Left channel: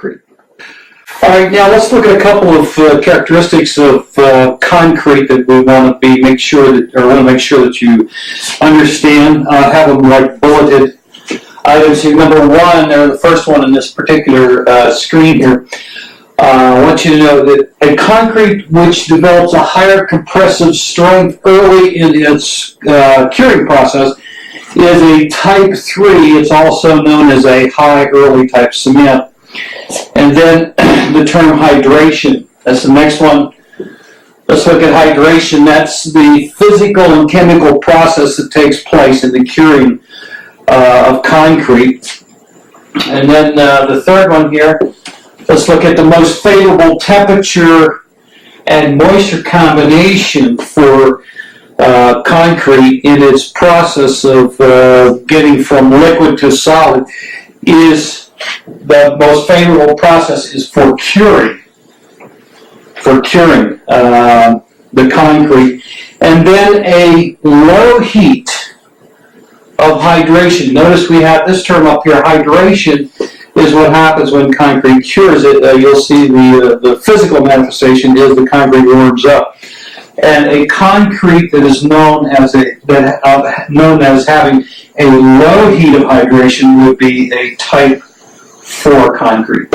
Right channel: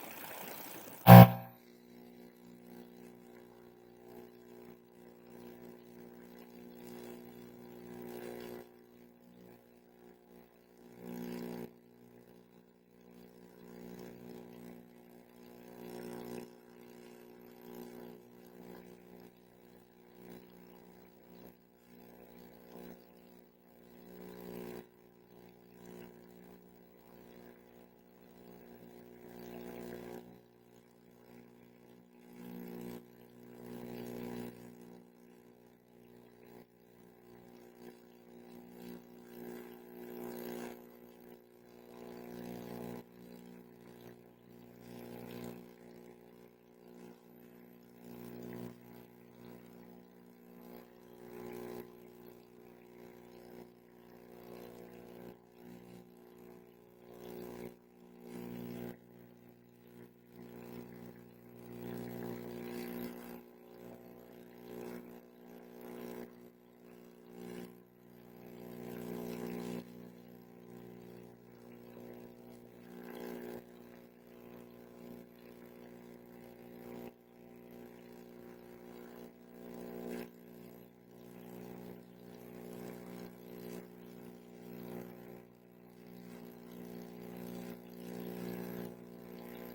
concrete. All right, now let's look at a couple of characteristics of concrete that we want to make sure that you understand. Have them like bulleted items here. Number one, or the first one in this particular screen here. I want you to know that a concrete which develops a higher compressive strength early in its curing process is a type 3. It's also known as a high early type cement. And then the term hydration. That's the next one. Let's look at hydration. That's the physical and chemical process that takes place in the curing of concrete. And then the third one here, let's look at the most favorable temperature and moisture combination for concrete in its process of getting from liquid to solid. The most favorable process is for curing the concrete. And then a low heat of hydration. Notice we have this term up here. Hydration is what happens when concrete cures it. You'll see the physical manifestation is the concrete warms up. And a concrete that is known as having a low heat of hydration would be a type 4 concrete.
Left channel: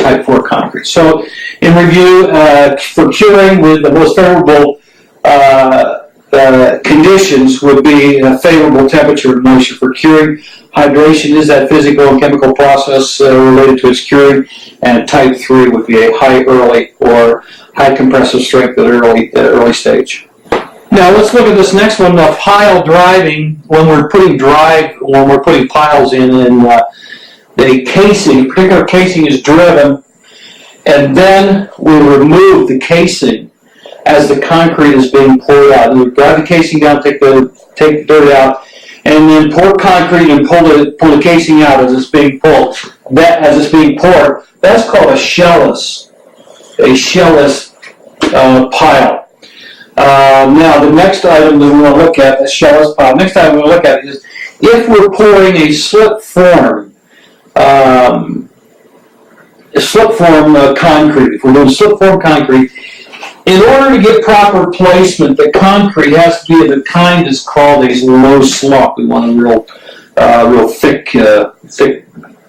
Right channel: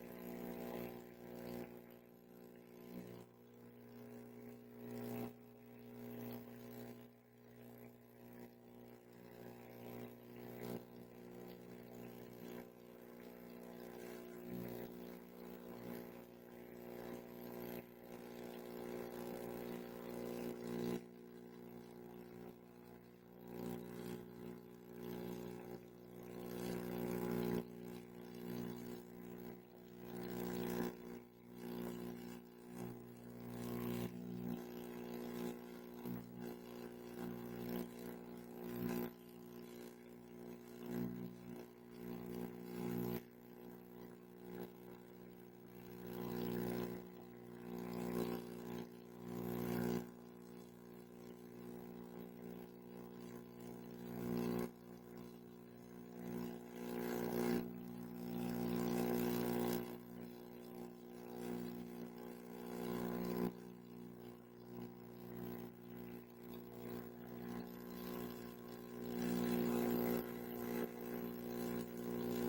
So, in review, for curing, with the most favorable conditions would be a favorable temperature and moisture for curing. Hydration is that physical and chemical process related to its curing, and type 3 would be a high early or high compressive strength at early stage. Now let's look at this next one, pile driving. When we're putting piles in the casing, a particular casing is driven, and then we remove the casing as the concrete is being poured out. And we drive the casing down, take the dirt out, and then pour concrete and pull the casing out as it's being pulled. As it's being poured, that's called a shellless pile. Now the next item that we want to look at, the shellless pile. Next item we want to look at is if we're pouring a slip form concrete. If we're doing slip form concrete, in order to get proper placement, the concrete has to be of the kind that's called a low slump. We want a real thick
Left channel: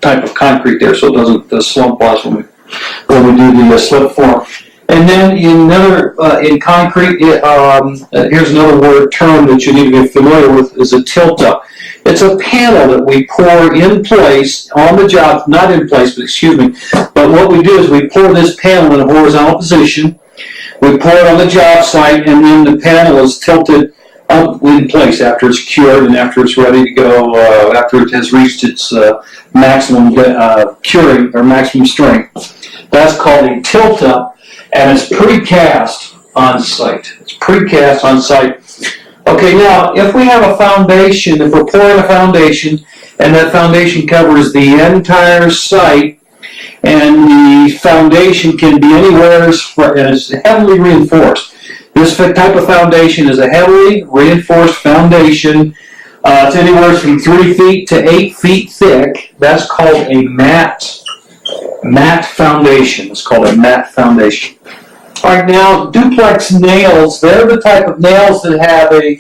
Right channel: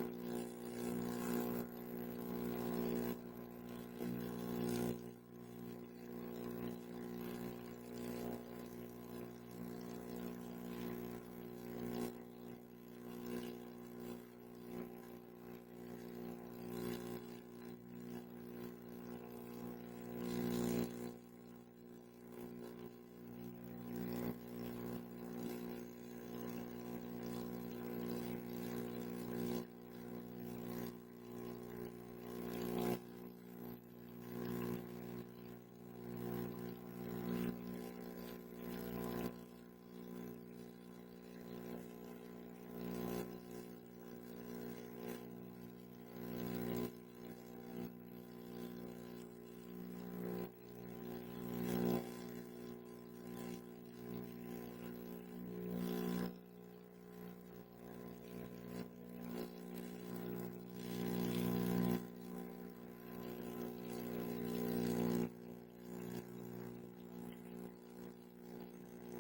type of concrete there, so it doesn't slump us when we do the slip form. And then in concrete, here's another term that you need to be familiar with, is a tilt-up. It's a panel that we pour in place on the job, not in place, but what we do is we pour this panel in a horizontal position, we pour it on the job site, and then the panel is tilted up in place after it's cured and after it's ready to go, after it has reached its maximum curing or maximum strength. That's called a tilt-up, and it's precast on site. Okay, now, if we have a foundation, if we're pouring a foundation, and that foundation covers the entire site, and the foundation can be anywhere, and it's heavily reinforced. This type of foundation is a heavily reinforced foundation. It's anywhere from 3 feet to 8 feet thick. That's called a mat foundation. It's called a mat foundation. All right, now duplex nails, they're the type of nails that have a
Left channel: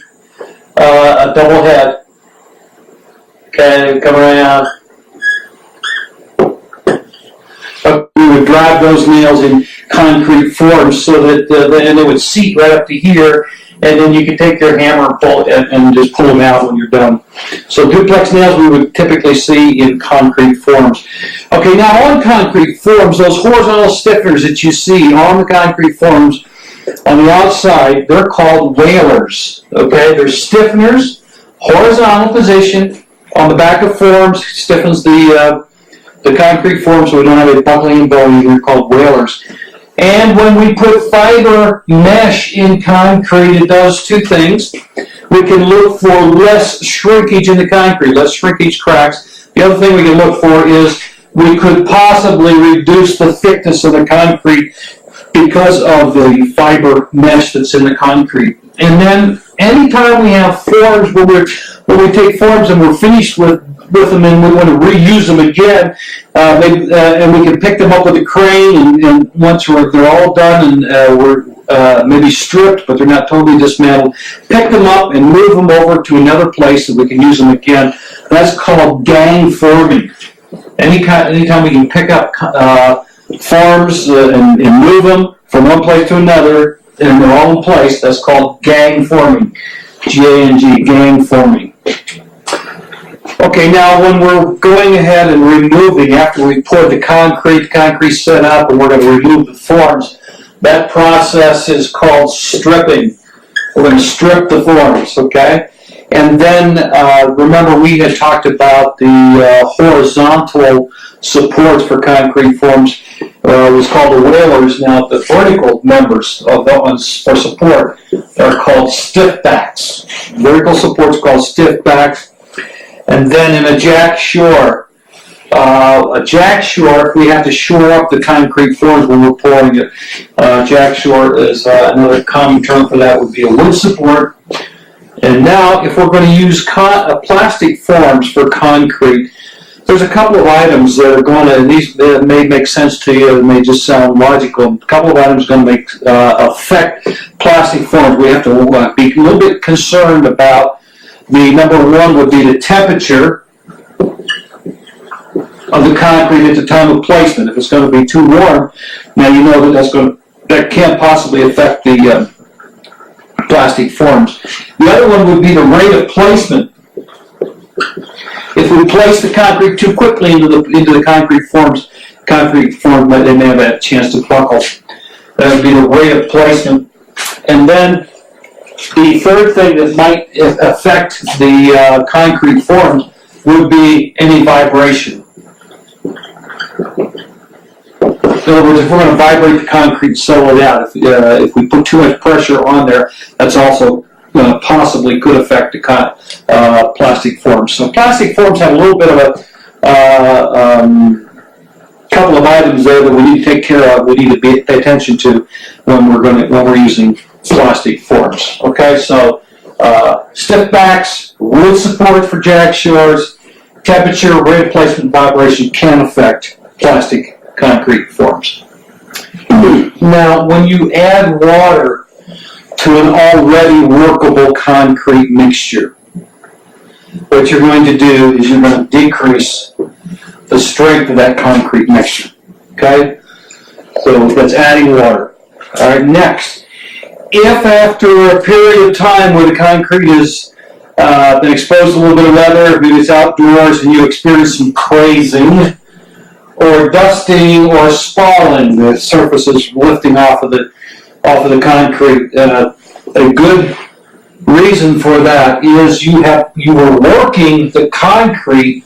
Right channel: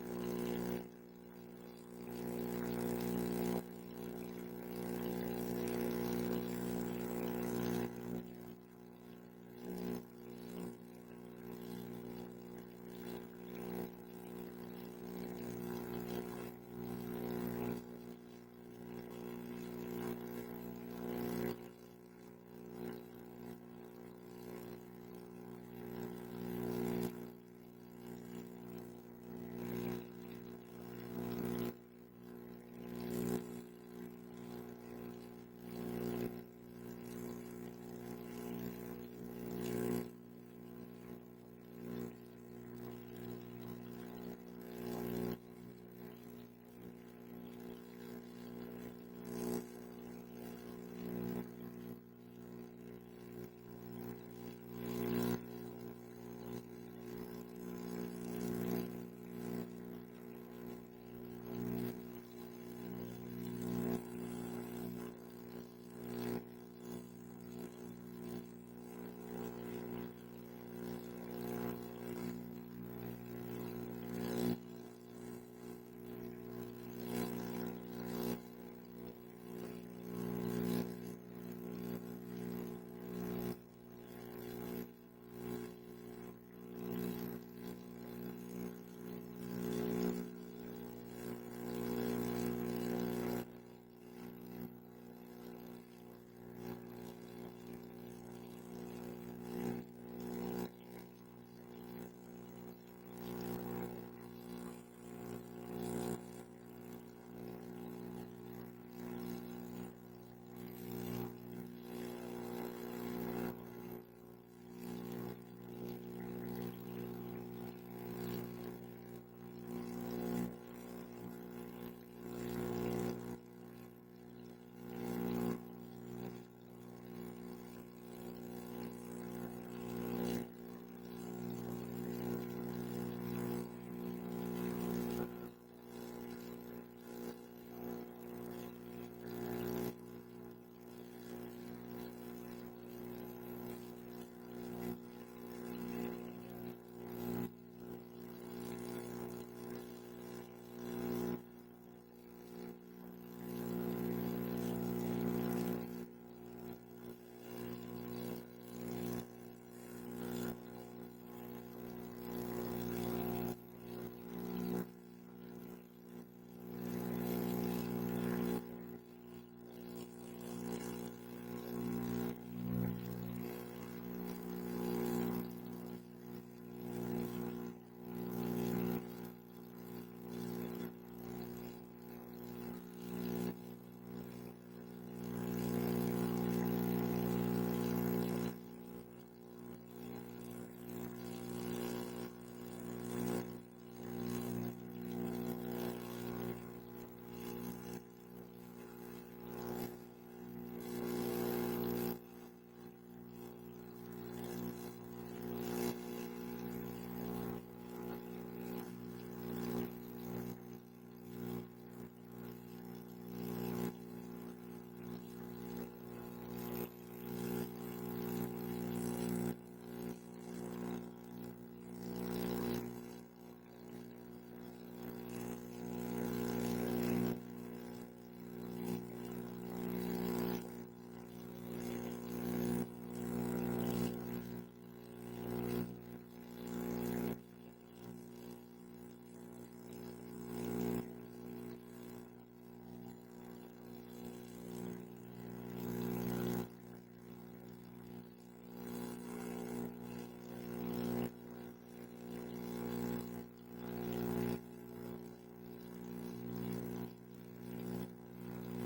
double head. Okay, come around. We would drive those nails in concrete forms so that and they would seat right up to here, and then you could take your hammer and just pull them out when you're done. So duplex nails we would typically see in concrete forms. Okay, now on concrete forms, those horizontal stiffeners that you see on the concrete forms on the outside, they're called railers. Okay, they're stiffeners, horizontal position on the back of forms, stiffens the concrete form so we don't have a buckling and bowing. They're called railers. And when we put fiber mesh in concrete, it does two things. We can look for less shrinkage in the concrete, less shrinkage cracks. The other thing we can look for is we could possibly reduce the thickness of the concrete because of the fiber mesh that's in the concrete. And then anytime we have forms, when we take forms and we're finished with with them and we want to reuse them again, and we can pick them up with a crane, and once they're all done and we're maybe stripped, but they're not totally dismantled, pick them up and move them over to another place that we can use them again. That's called gang forming. Anytime we can pick up forms and move them from one place to another, and they're all in place, that's called gang forming. G-A-N-G, gang forming. Okay, now when we're going ahead and removing, after we poured the concrete set up, and we're going to remove the forms, that process is called stripping. We're going to strip the forms, okay? And then, remember we had talked about the horizontal supports for concrete forms. It was called the whalers. Now, the vertical members of those for support are called stiff backs. Vertical supports called stiff backs. And then in a jack shore, if we have to shore up the concrete forms when we're pouring it, jack shore is another common term for that, would be a wood support. And now, if we're going to use plastic forms for concrete, there's a couple of items that are going to, and these may make sense to you, it may just sound logical. A couple of items going to affect plastic forms. We have to be a little bit concerned about. The number one would be the temperature of the concrete at the time of placement. If it's going to be too warm, now you know that can't possibly affect the plastic forms. The other one would be the rate of placement. If we place the concrete too quickly into the concrete forms, they may have a chance to buckle. That would be the rate of placement. And then the third thing that might affect the concrete forms would be any vibration. In other words, if we're going to vibrate the concrete and settle it out, if we put too much pressure on there, that's also possibly could affect the plastic forms. So plastic forms have a little bit of a couple of items there that we need to take care of. We need to pay attention to when we're using plastic forms. Okay, so stiff backs, wood support for jack shores, temperature, rate of placement, vibration can affect plastic concrete forms. Now, when you add water to an already workable concrete mixture, what you're going to do is you're going to decrease the strength of that concrete mixture. Okay? So that's adding water. All right, next. If after a period of time where the concrete has been exposed to a little bit of weather, maybe it's outdoors, and you experience some crazing, or dusting, or spalling, the surface is lifting off of the concrete, a good reason for that is you were working the concrete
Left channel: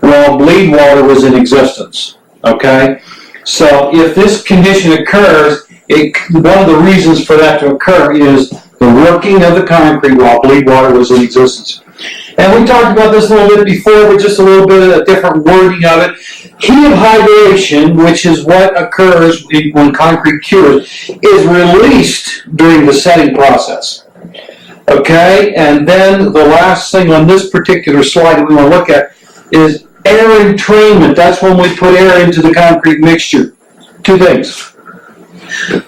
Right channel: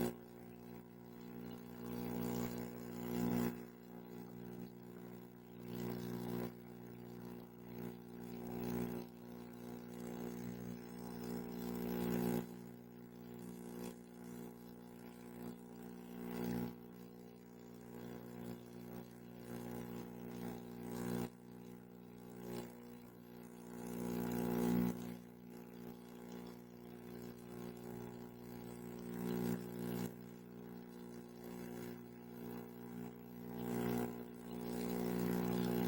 while bleed water was in existence. Okay, so if this condition occurs, one of the reasons for that to occur is the working of the concrete while bleed water was in existence. And we talked about this a little bit before, but just a little bit of a different wording of it. Heat of hydration, which is what occurs when concrete cures, is released during the setting process. Okay, and then the last thing on this particular slide that we want to look at is air entrainment. That's when we put air into the concrete mixture. Two things.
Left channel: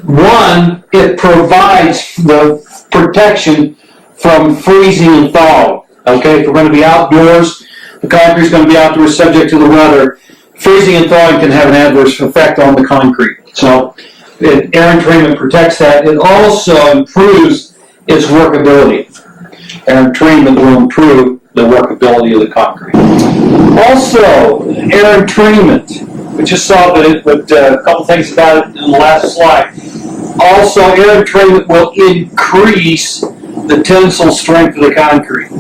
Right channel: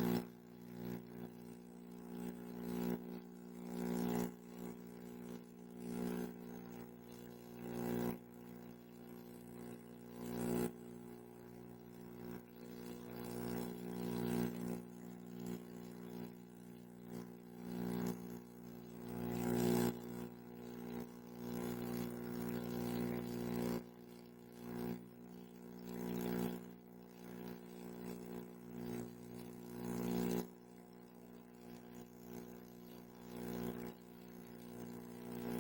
One, it provides the protection from freezing and thawing. Okay, if we're going to be outdoors, the concrete is going to be outdoors subject to the weather. Freezing and thawing can have an adverse effect on the concrete. So air entrainment protects that. It also improves its workability. Air entrainment will improve the workability of the concrete. Also, air entrainment. We just saw but a couple things about it in the last slide. Also, air entrainment will increase the tensile strength of the concrete.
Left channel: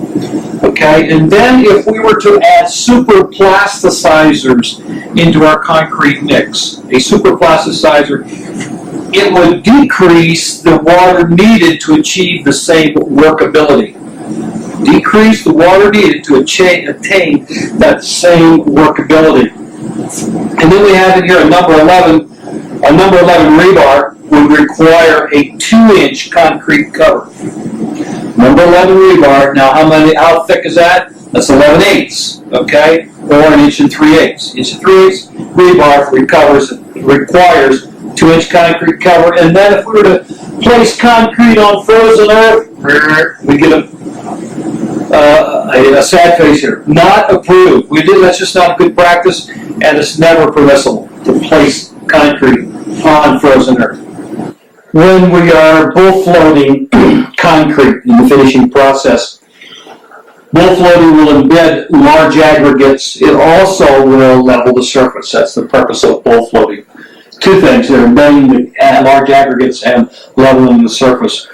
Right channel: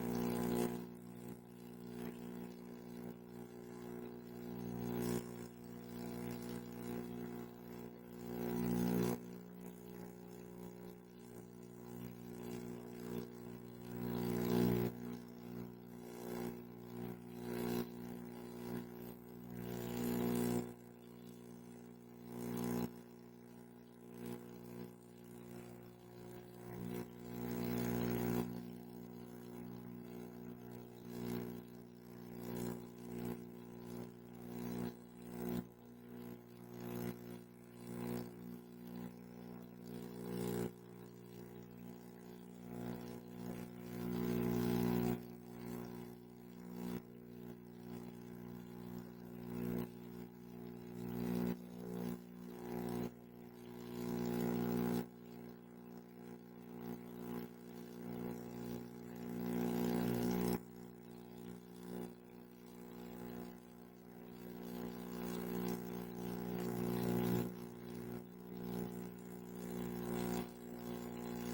Okay, and then if we were to add superplasticizers into our concrete mix, a superplasticizer, it would decrease the water needed to achieve the same workability. Decrease the water needed to attain that same workability. And then we have in here a number 11. A number 11 rebar would require a 2-inch concrete cover. Number 11 rebar. Now, how thick is that? That's 11/8. okay, or 1 3/8. 1 3/8 rebar requires 2-inch concrete cover, and then if we were to place concrete on frozen earth, we get a sad face here. Not approved. That's just not good practice, and it's never permissible to place concrete on frozen earth. When we are bull floating concrete in the finishing process, bull floating will embed large aggregates. It also will level the surface. That's the purpose of bull floating. Two things: they're embedding the large aggregates and leveling the surface.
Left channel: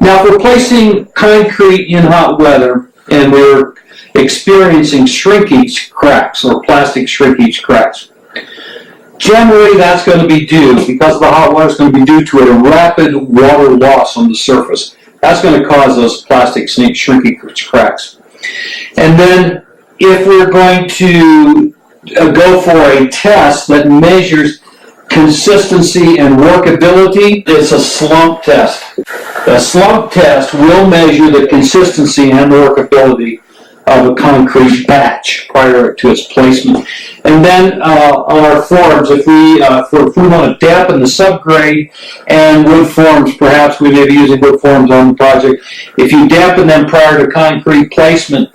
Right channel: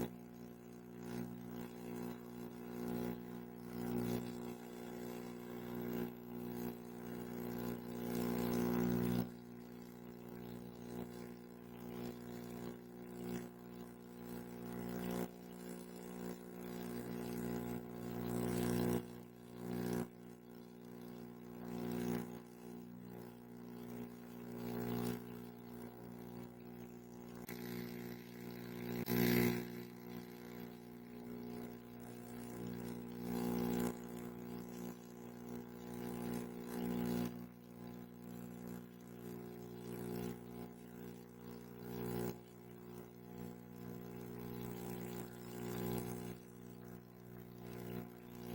Now, if we're placing concrete in hot weather and we're experiencing shrinkage cracks or plastic shrinkage cracks, generally that's going to be due, because of the hot water, it's going to be due to a rapid water loss on the surface. That's going to cause those plastic shrinkage cracks. And then if we're going to go for a test that measures consistency and workability, it's a slump test. A slump test will measure the consistency and workability of a concrete batch prior to its placement. And then on our forms, if we want to dampen the subgrade and wood forms, perhaps we may be using wood forms on the project. If you dampen them prior to concrete placement,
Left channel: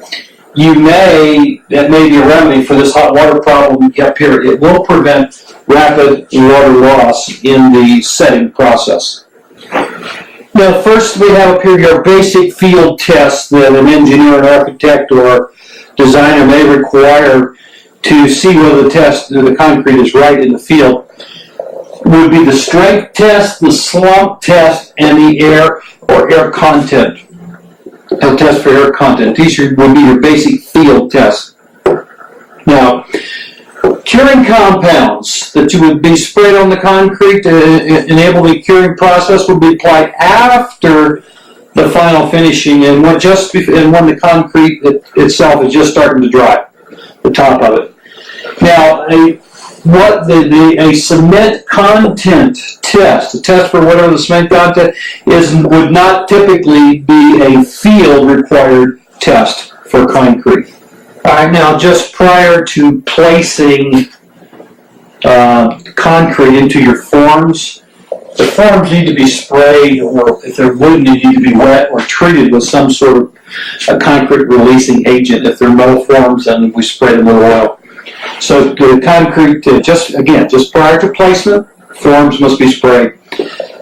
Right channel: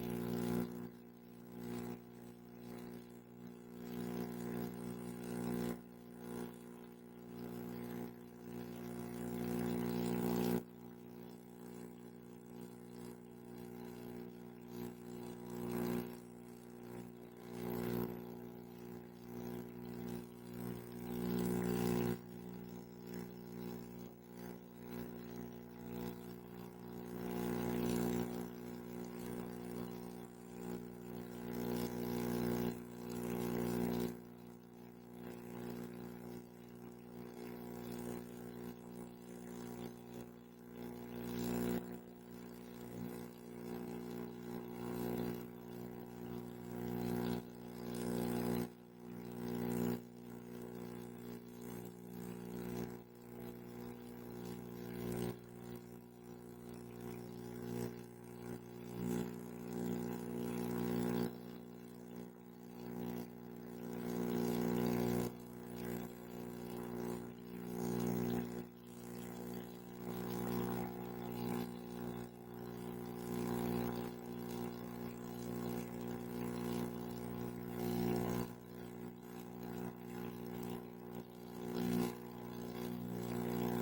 that may be a remedy for this hot water problem up here. It will prevent rapid water loss in the setting process. Now, first we have up here your basic field test that an engineer, an architect, or designer may require to see whether the concrete is right in the field. Would be the strength test, the slump test, and the air content. A test for air content. These would be your basic field tests. Now, curing compounds that you would be sprayed on the concrete to enable the curing process would be applied after the final finishing and when the concrete itself is just starting to dry, the top of it. Now, a cement content test, a test for whatever the cement content is, would not typically be a field required test for concrete. All right, now just prior to placing concrete into your forms, the forms need to be sprayed, or if they're wooden, they need to be wet or treated with some sort of a concrete releasing agent. If they're metal forms, then we spray them with oil. So the concrete, just prior to placement, forms must be sprayed.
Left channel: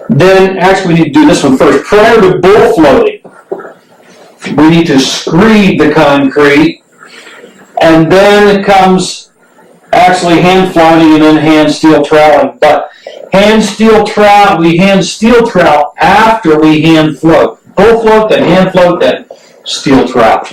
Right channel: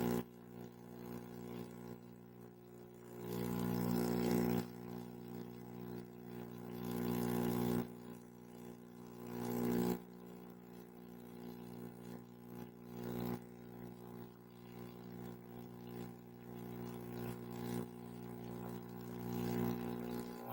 Then, actually, we need to do this one first. Prior to bull floating, we need to screed the concrete, and then it comes actually hand flouting and then hand steel troweling. But we hand steel trowel after we hand float. Bull float, then hand float, then steel trowel.